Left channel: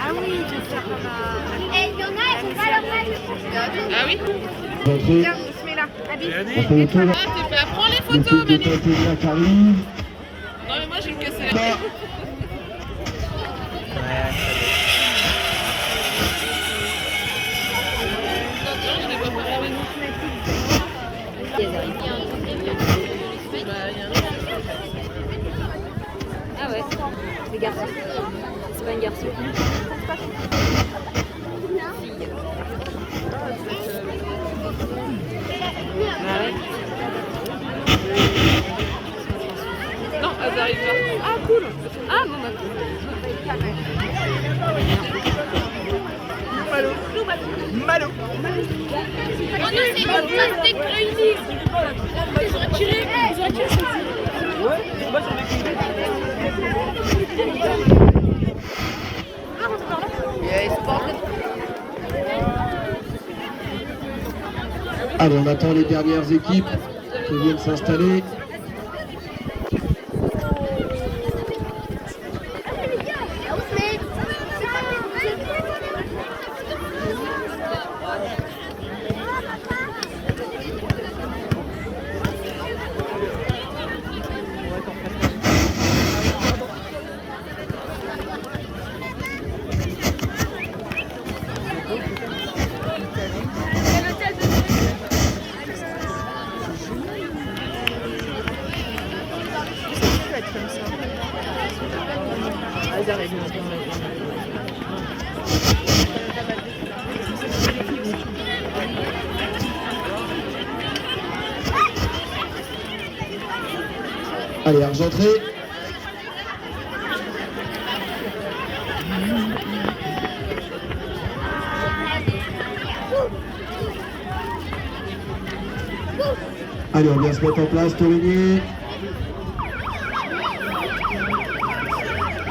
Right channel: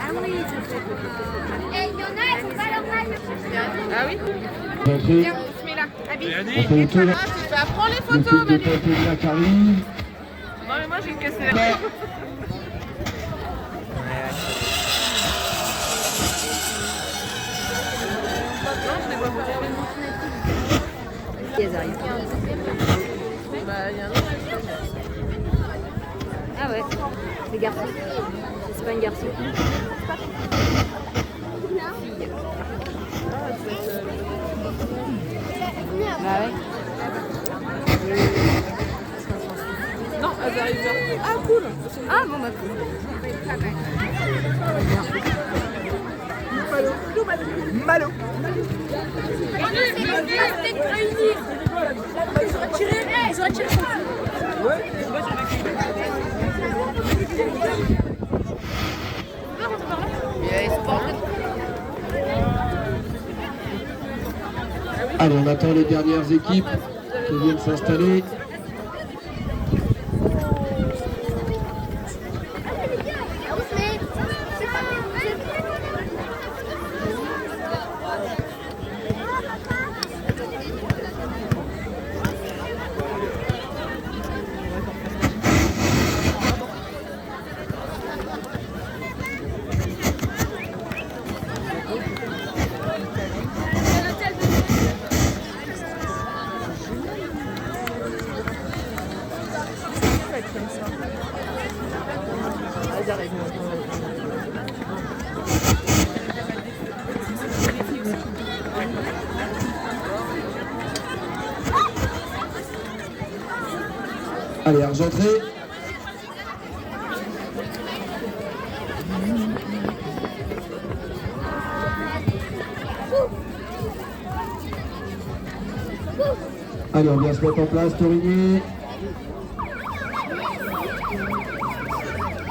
Ah oui, je sais pas. Et il y en a, ils sont pas là. Ah oui. Tiens, Bismillah. Ah, c'est pas. Prends les photos, Manu. Non, mais moi, je vais me casser la tête. Non, je l'ai pas fait. Ah ouais, c'est garçon. C'est pas un garçon. Non, elles arrivent. Ah, cool. Ah, bon, d'accord. Malo. C'est le plastique réuni. Ils ont retiré son Ouais, moi j'en ai qu'une. Allez, on attend les dernières équipes qui viennent s'installer. Allez, Argentré. Allez, on vient se mettre en place, Torigny.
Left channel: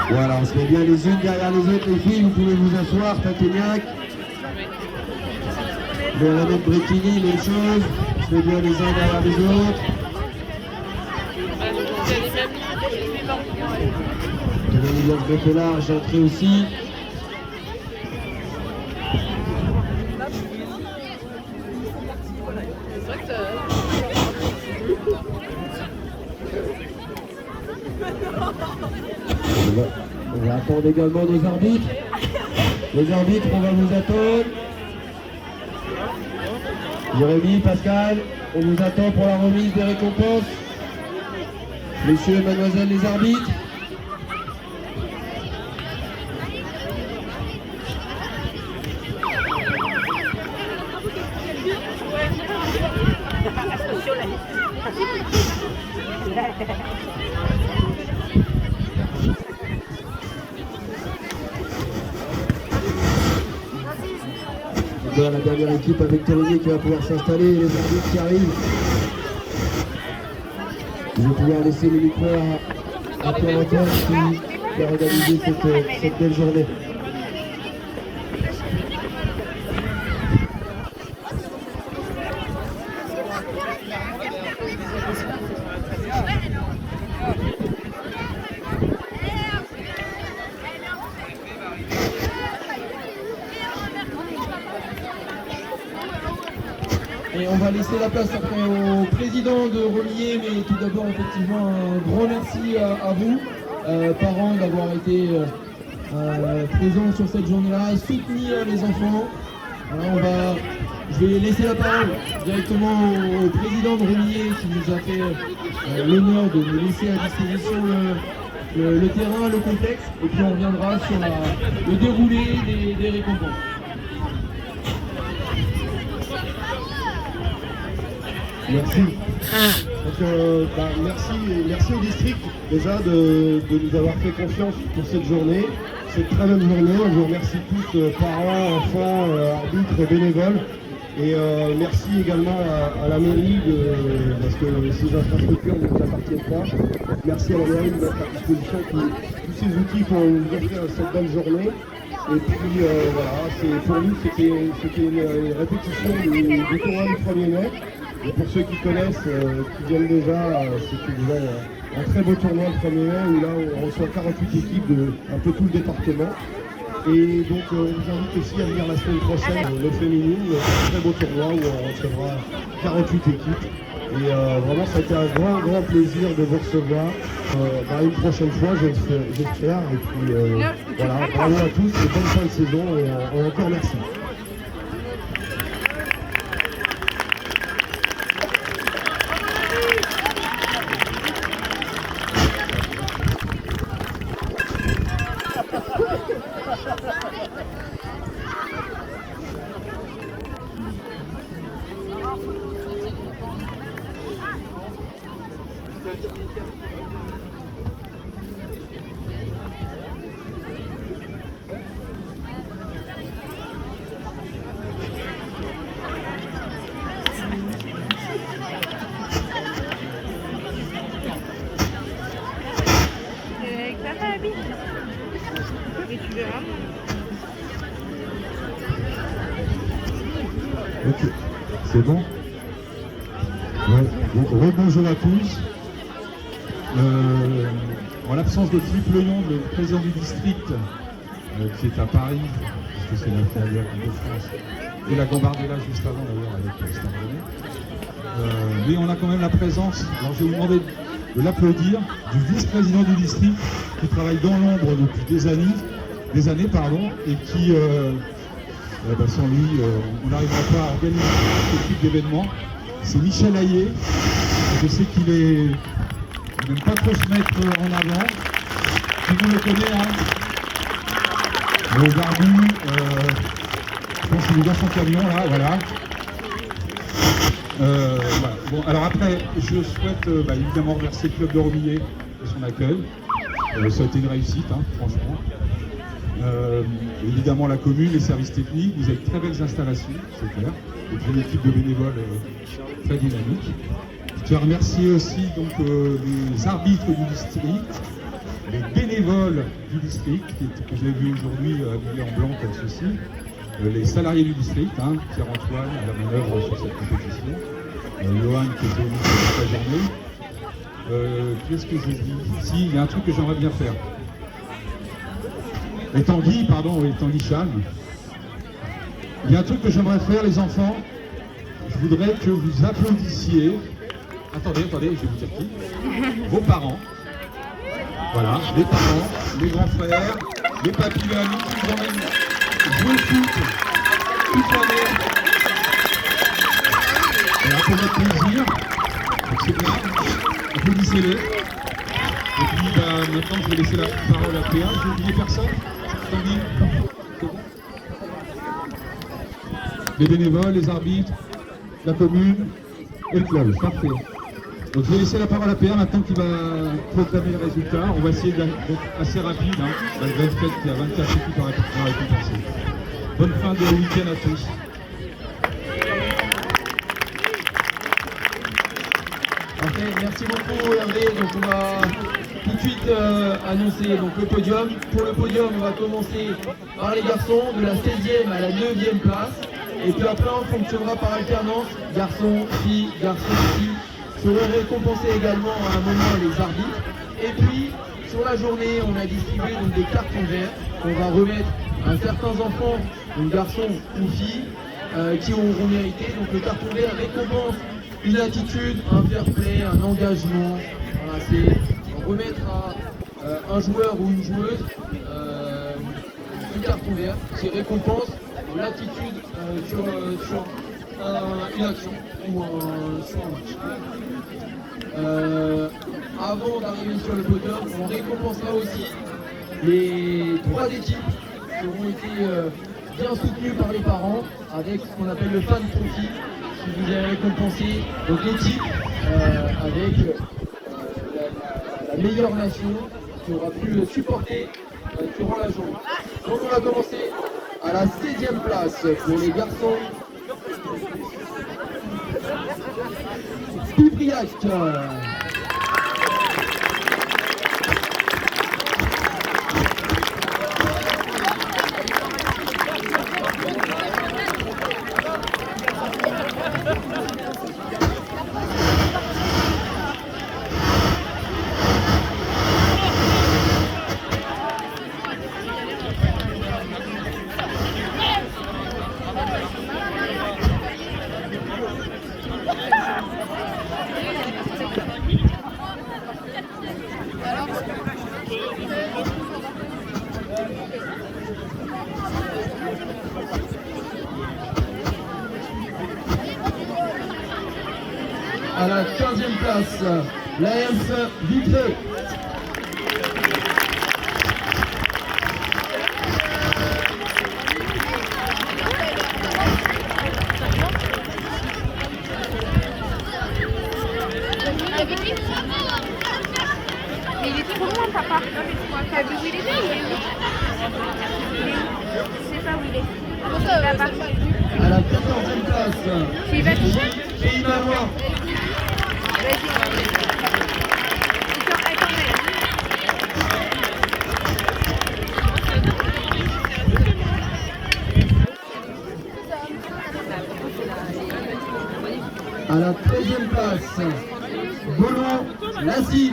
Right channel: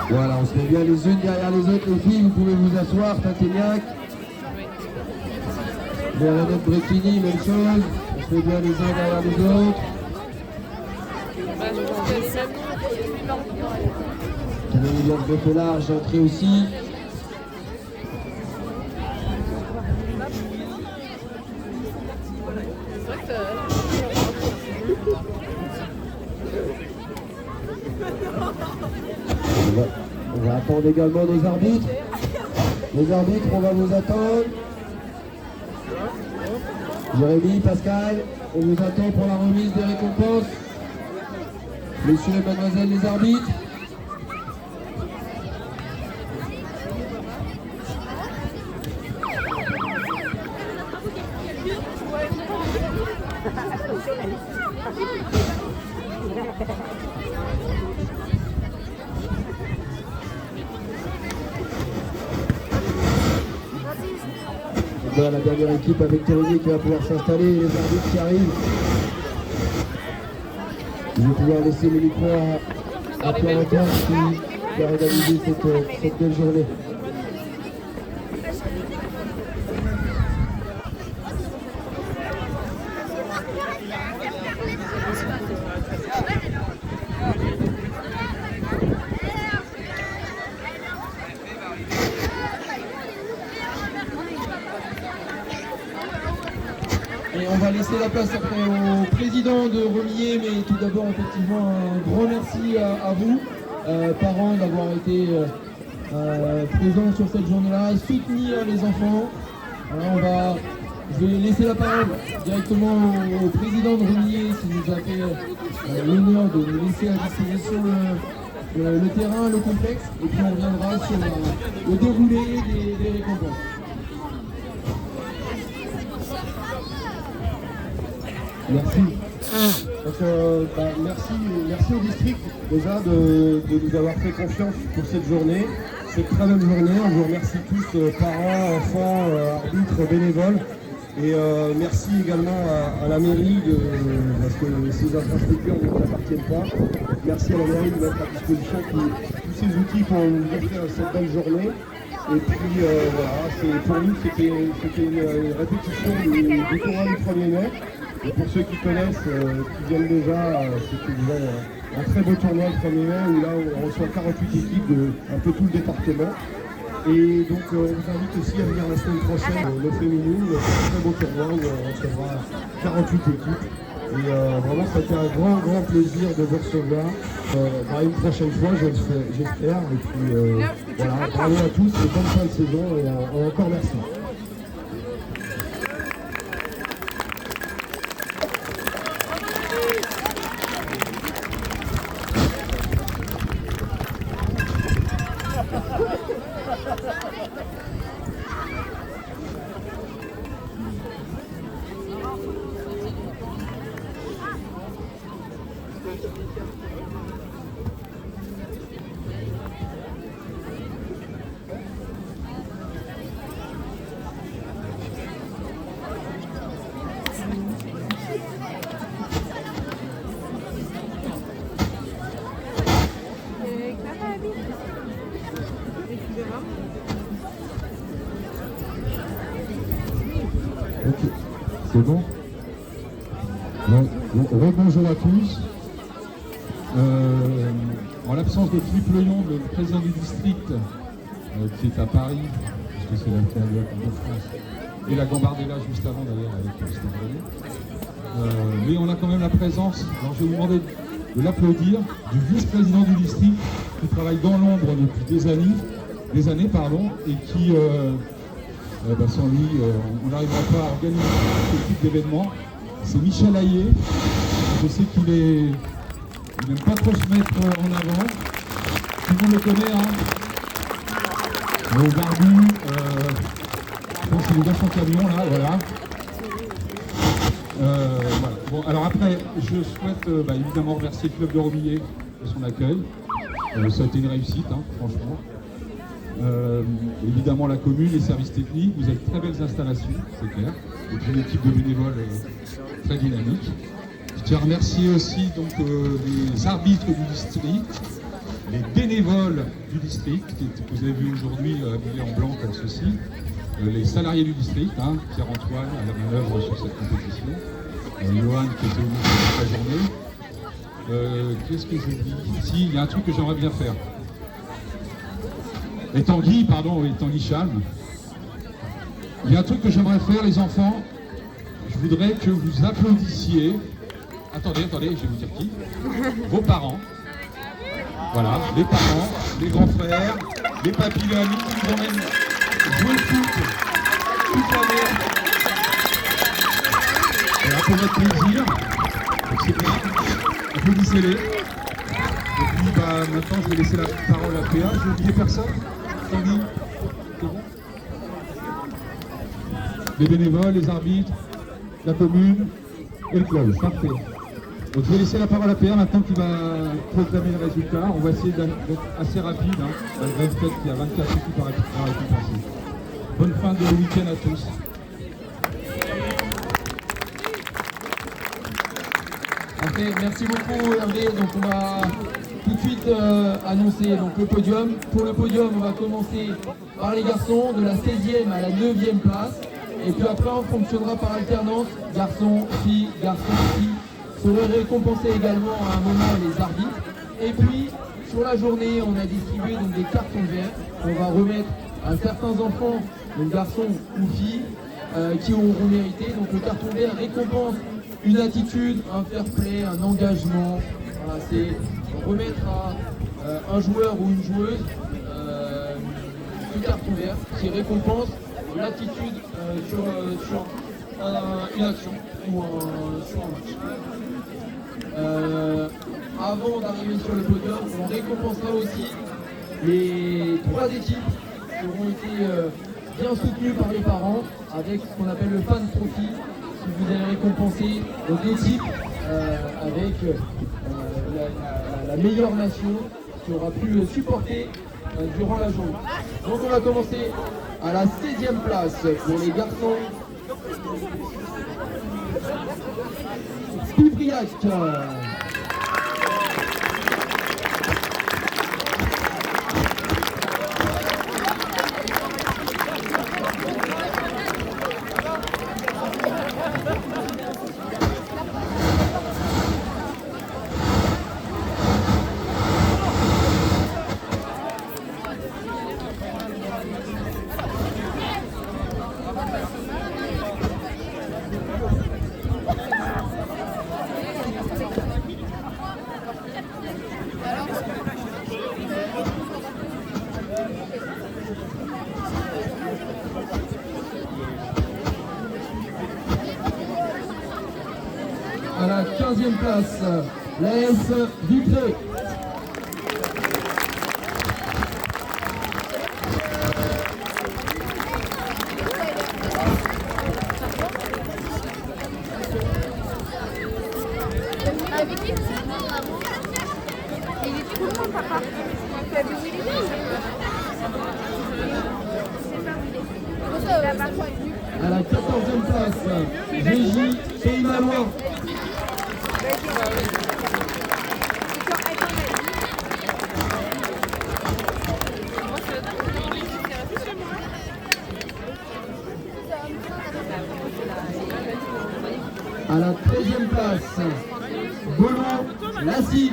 Voilà, on se met bien les unes derrière les autres, les filles, vous pouvez vous asseoir, Taquignac. Bon, la même Bretigny, même chose, on se met bien les uns derrière les autres. On va bien se mettre là, Argentré aussi. On va attendre également nos arbitres. Les arbitres, on va vous attendre. Jérémy, Pascal, on vous attend pour la remise des récompenses. Messieurs et mademoiselles les arbitres. La dernière équipe avec Torigny qui va pouvoir s'installer, les arbitres qui arrivent. Je vais pouvoir laisser le micro à Pierre Antoine qui a organisé cette belle journée. Et on va laisser la place après au président de Remillé, mais tout d'abord effectivement un grand merci à vous, parents, d'avoir été présents sur cette journée-là et soutenir les enfants. Alors je vais laisser la parole directement au président de Remillé qui nous a fait l'honneur de nous laisser à disposition le terrain, le complexe, et puis on reviendra sur le déroulé des récompenses. Merci. Donc, merci au district déjà de nous avoir fait confiance pour cette journée, cette très bonne journée. On vous remercie tous, parents, enfants, arbitres, bénévoles. Et merci également à la mairie parce que ces infrastructures ne nous appartiennent pas. Merci à la mairie de mettre à disposition tous ces outils pour nous offrir cette belle journée. Et puis voilà, pour nous c'était une répétition du tournoi du 1er mai. Et pour ceux qui connaissent, qui viennent déjà, c'est une un très beau tournoi le 1er mai où là on reçoit 48 équipes de un peu tout le département. Et donc on vous invite aussi à venir la semaine prochaine, le féminine, un très beau tournoi où on recevra 48 équipes. Et vraiment ça a été un grand plaisir de vous recevoir. Une prochaine fois j'espère. Et puis voilà, bravo à tous et bonne fin de saison et encore merci. Ok, c'est bon. Ouais. Bonjour à tous. En l'absence de Philippe Lenon, le président du district, qui est à Paris, puisque c'est l'intérieur de France, et la Gambardella juste avant d'ailleurs avec Stéphane. Mais on a quand même la présence, alors je vais vous demander de l'applaudir, du vice-président du district qui travaille dans l'ombre depuis des années, et qui, sans lui, on n'arrivera pas à organiser ce type d'événement. C'est Michel Hayet. Je sais qu'il n'aime pas trop se mettre en avant. Tout le monde le connaît, hein. Le barbu, je pense qu'il est dans son camion, là, voilà. Bon, alors après, je souhaite évidemment remercier le club de Romillet de son accueil. Ça a été une réussite, hein, franchement. Évidemment la commune, les services techniques, vous avez de très belles installations, c'est clair. Et puis une équipe de bénévoles très dynamique. Je tiens à remercier aussi donc, les arbitres du district, les bénévoles du district, que vous avez vu aujourd'hui habillés en blanc comme ceci, les salariés du district, hein, Pierre-Antoine à la manœuvre sur cette compétition, Johan qui était au niveau de la journée. Qu'est-ce que j'ai dit? Si, il y a un truc que j'aimerais bien faire. Et Tanguy Chan. Il y a un truc que j'aimerais faire, les enfants. Je voudrais que vous applaudissiez. Attendez, je vais vous dire qui. Vos parents. Voilà, les parents, les grands frères, les papis et amis qui vont même jouer le foot toute l'année. Un peu notre plaisir. Donc c'est bien. Applaudissez-les. Et puis maintenant je vais laisser la parole à Péa. Je n'ai oublié personne. Tanguy. Les bénévoles, les arbitres, la commune et le club. Parfait. Donc je vais laisser la parole à Péa maintenant qui va proclamer le résultat. On va essayer d'être assez rapide, hein, malgré le fait qu'il y a 24 équipes à récompenser. Bonne fin de week-end à tous. Okay, merci beaucoup Hervé. Donc on va tout de suite annoncer donc, le podium. Pour le podium, on va commencer par les garçons de la 16e à la 9e place. Et puis après, on fonctionnera par alternance, garçons, filles, seront récompensés également à un moment les arbitres. Et puis, sur la journée, on a distribué donc, des cartons verts qu'on va remettre à certains enfants, donc garçons ou filles, qui auront mérité. Donc le carton vert récompense une attitude, un fair play, un engagement. Voilà, c'est remettre à un joueur ou une joueuse un carton vert, c'est récompense l'attitude sur une action ou sur un match. Avant d'arriver sur le podium, on récompensera aussi les 3 équipes qui auront été bien soutenues par les parents avec ce qu'on appelle le fan trophy, qui vous allez récompenser votre équipe avec la meilleure nation qui aura pu supporter durant la journée. Donc on va commencer à la 16e place pour les garçons. Pibriac. place, l'AS Vitré. Il est trop loin, papa. Tu as vu où il était? Je sais pas où il est. Là-bas. À la 14e place, Gigi et Imanois. À la 13e place, Bolan Lassie.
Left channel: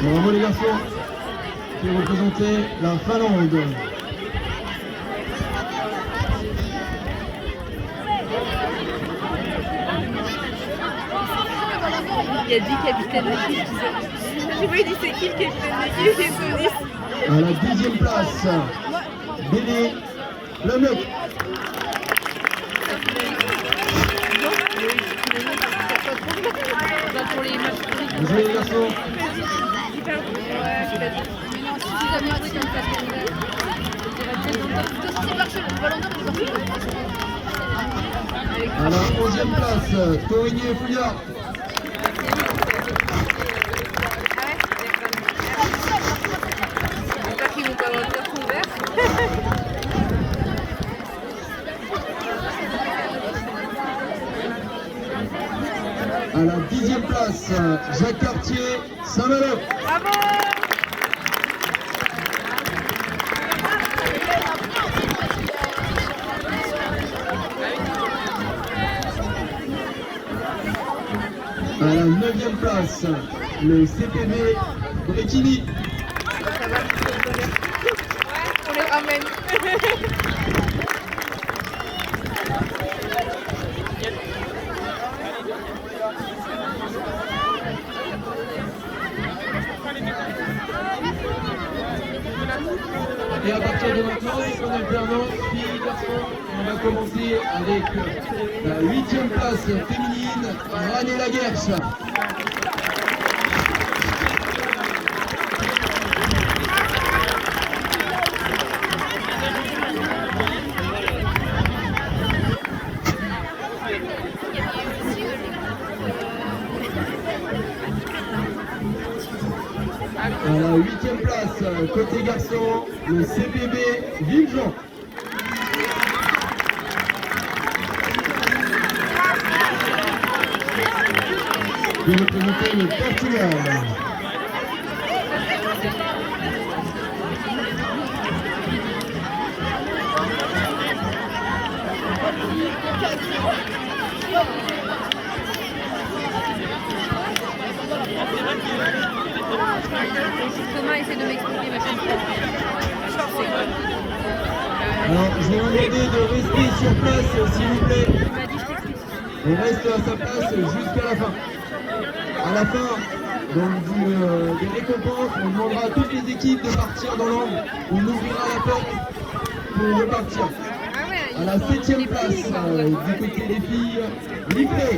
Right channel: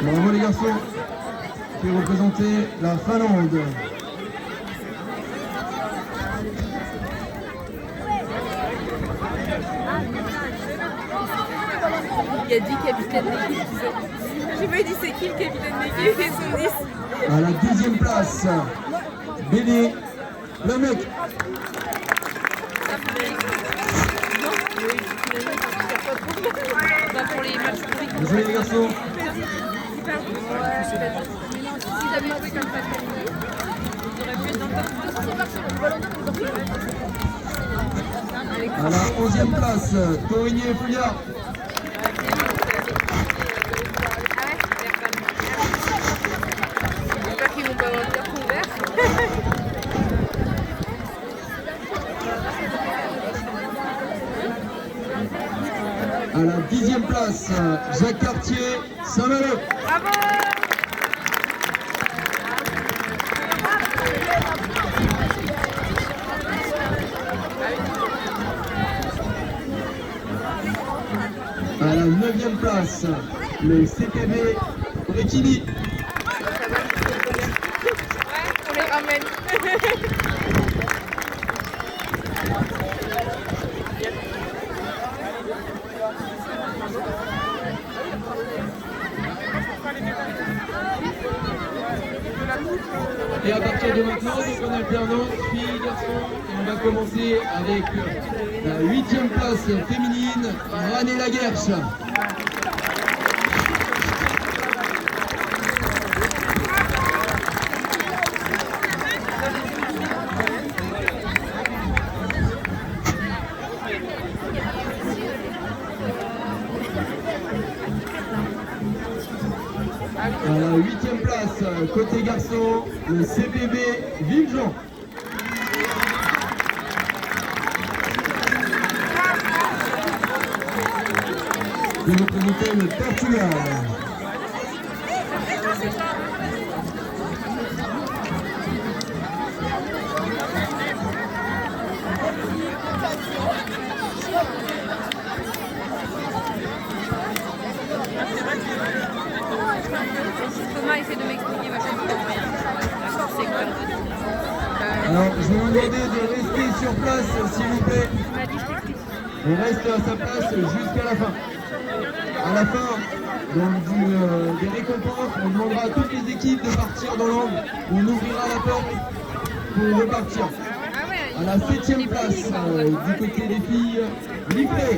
Bravo les garçons qui représentaient la Finlande. Il y a 10 capitaines d'équipe qui sont. J'ai pas dit c'est qui le capitaine d'équipe et son 10. À la 10e place, Béné le mec. Pour les matchs politiques. Vous jouez les garçons. À la 11e place, Corigny et Fouillard. J'espère qu'ils vont pas avoir le carton vert. À la 10e place, Jacques Cartier, Saint-Malo. À la 9e place, le CPB Bréquigny. On les ramène. Et à partir de maintenant, on alternance, filles, garçons, et on va commencer avec la 8e place féminine, Rané Laguerche. À la 8e place, côté garçon, le CPB Villejean. Qui représentait le Portugal. Thomas essaie de m'expliquer ma chaîne. C'est quoi? Je vais vous demander de rester sur place, s'il vous plaît. Tu m'as dit je t'explique. On reste à sa place jusqu'à la fin. À la fin donc, des récompenses, on demandera à toutes les équipes de partir de l'ombre. On ouvrira la porte pour repartir. Ah ouais, À la 7e place, du côté des filles, Livré.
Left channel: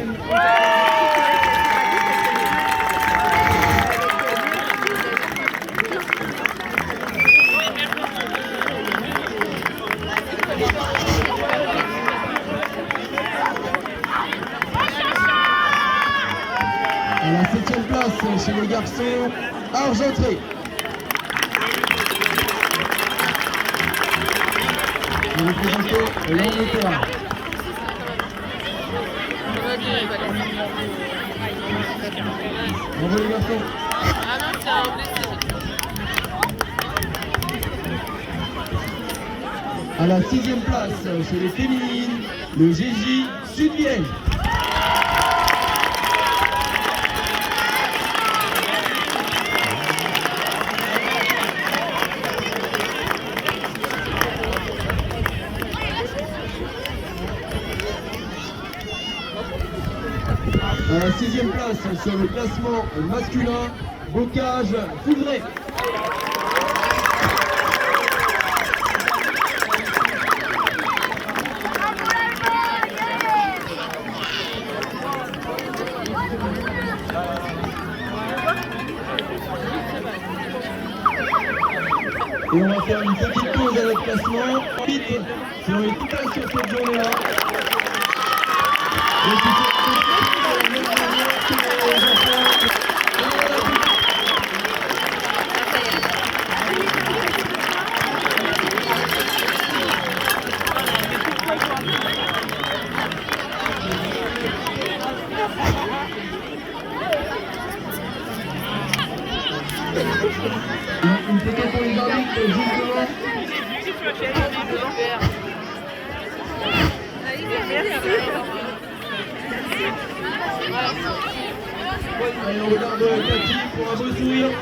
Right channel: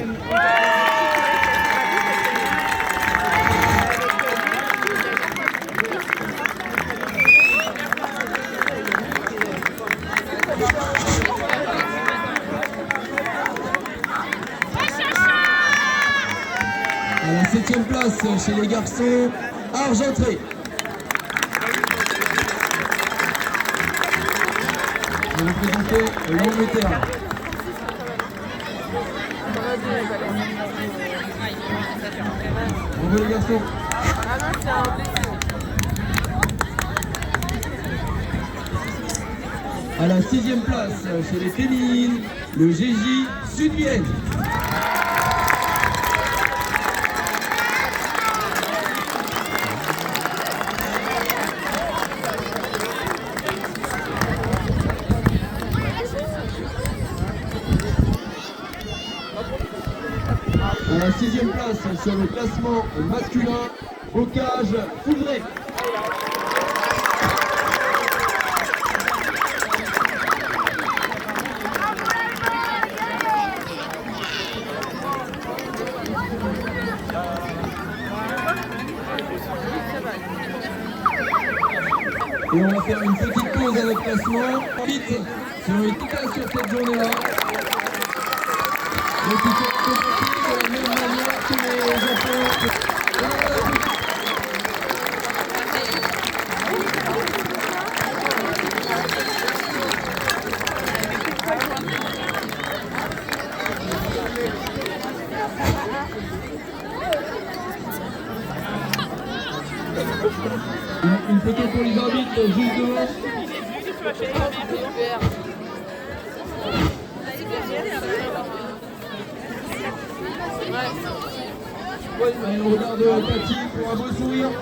À la 7e place chez les garçons, Argentré. Vous représentez l'Angleterre. Bravo les garçons. À la 6e place chez les féminines, le GJ Sud-Vienne. À la 6e place sur le classement masculin, Bocage Foudré. Et on va faire une petite pause à notre classement. Vite, sur une totale sur cette journée-là. Donc, il faut de la même manière que les enfants. Une photo pour les arbitres juste devant. Allez, on regarde Cathy pour un beau sourire.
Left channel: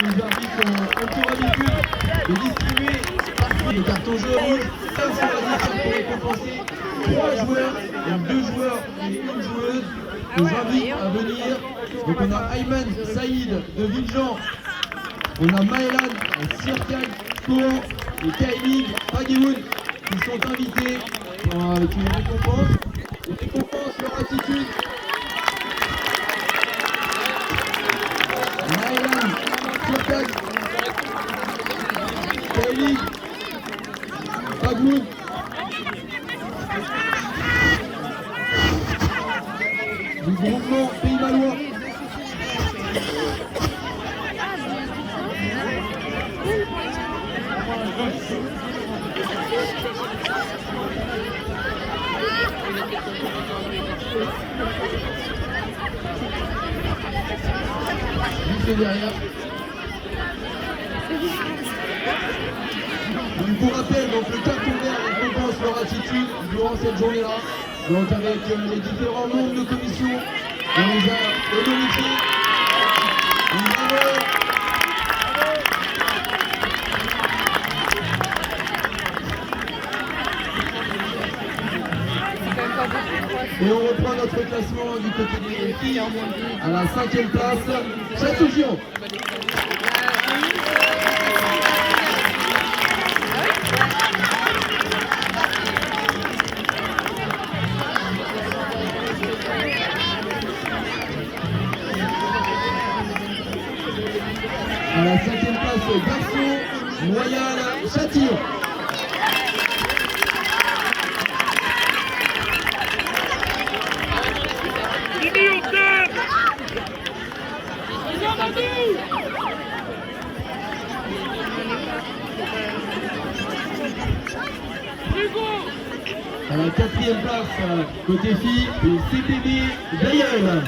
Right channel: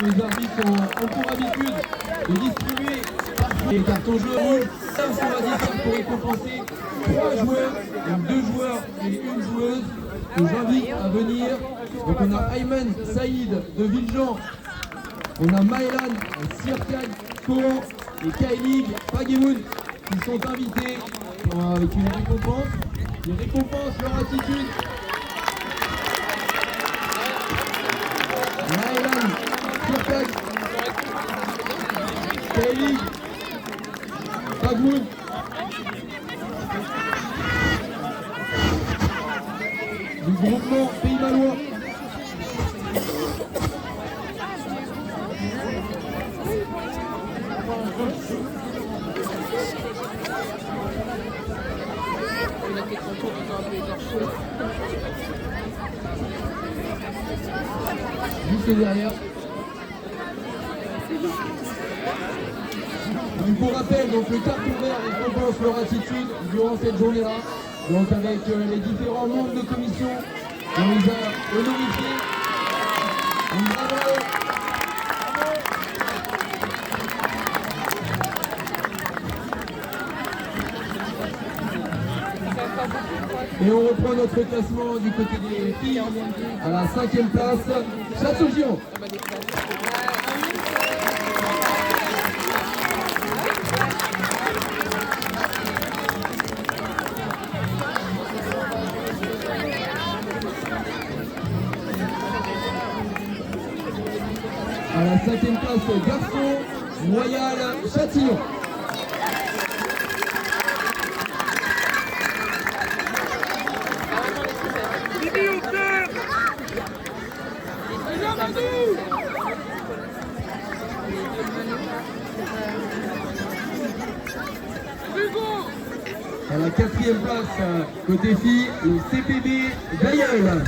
Les arbitres sont encore habitués de distribuer les cartons jaunes comme sur la liste pour récompenser 3 joueurs, donc 2 joueurs et 1 joueuse. Je vous invite à venir. Donc on a Ayman Saïd de Villejean, on a Maëlan Sirkag Koh et Kaimig Pagemoun qui sont invités avec une récompense. Les récompenses, leur attitude. Maëlan Sirkag Kaimig Pagemoun. Du groupement Pays Valois. Juste derrière. Donc pour rappel, donc le carton vert récompense leur attitude durant cette journée-là. Donc avec les différents membres de commission, on les a honorifiés. Et on reprend notre classement du côté des filles à la 5e place, Châteaugiron. À la 5e place, Garçon, Royal, Châtillon. À la 4e place, côté filles, le CPB d'Aïeul.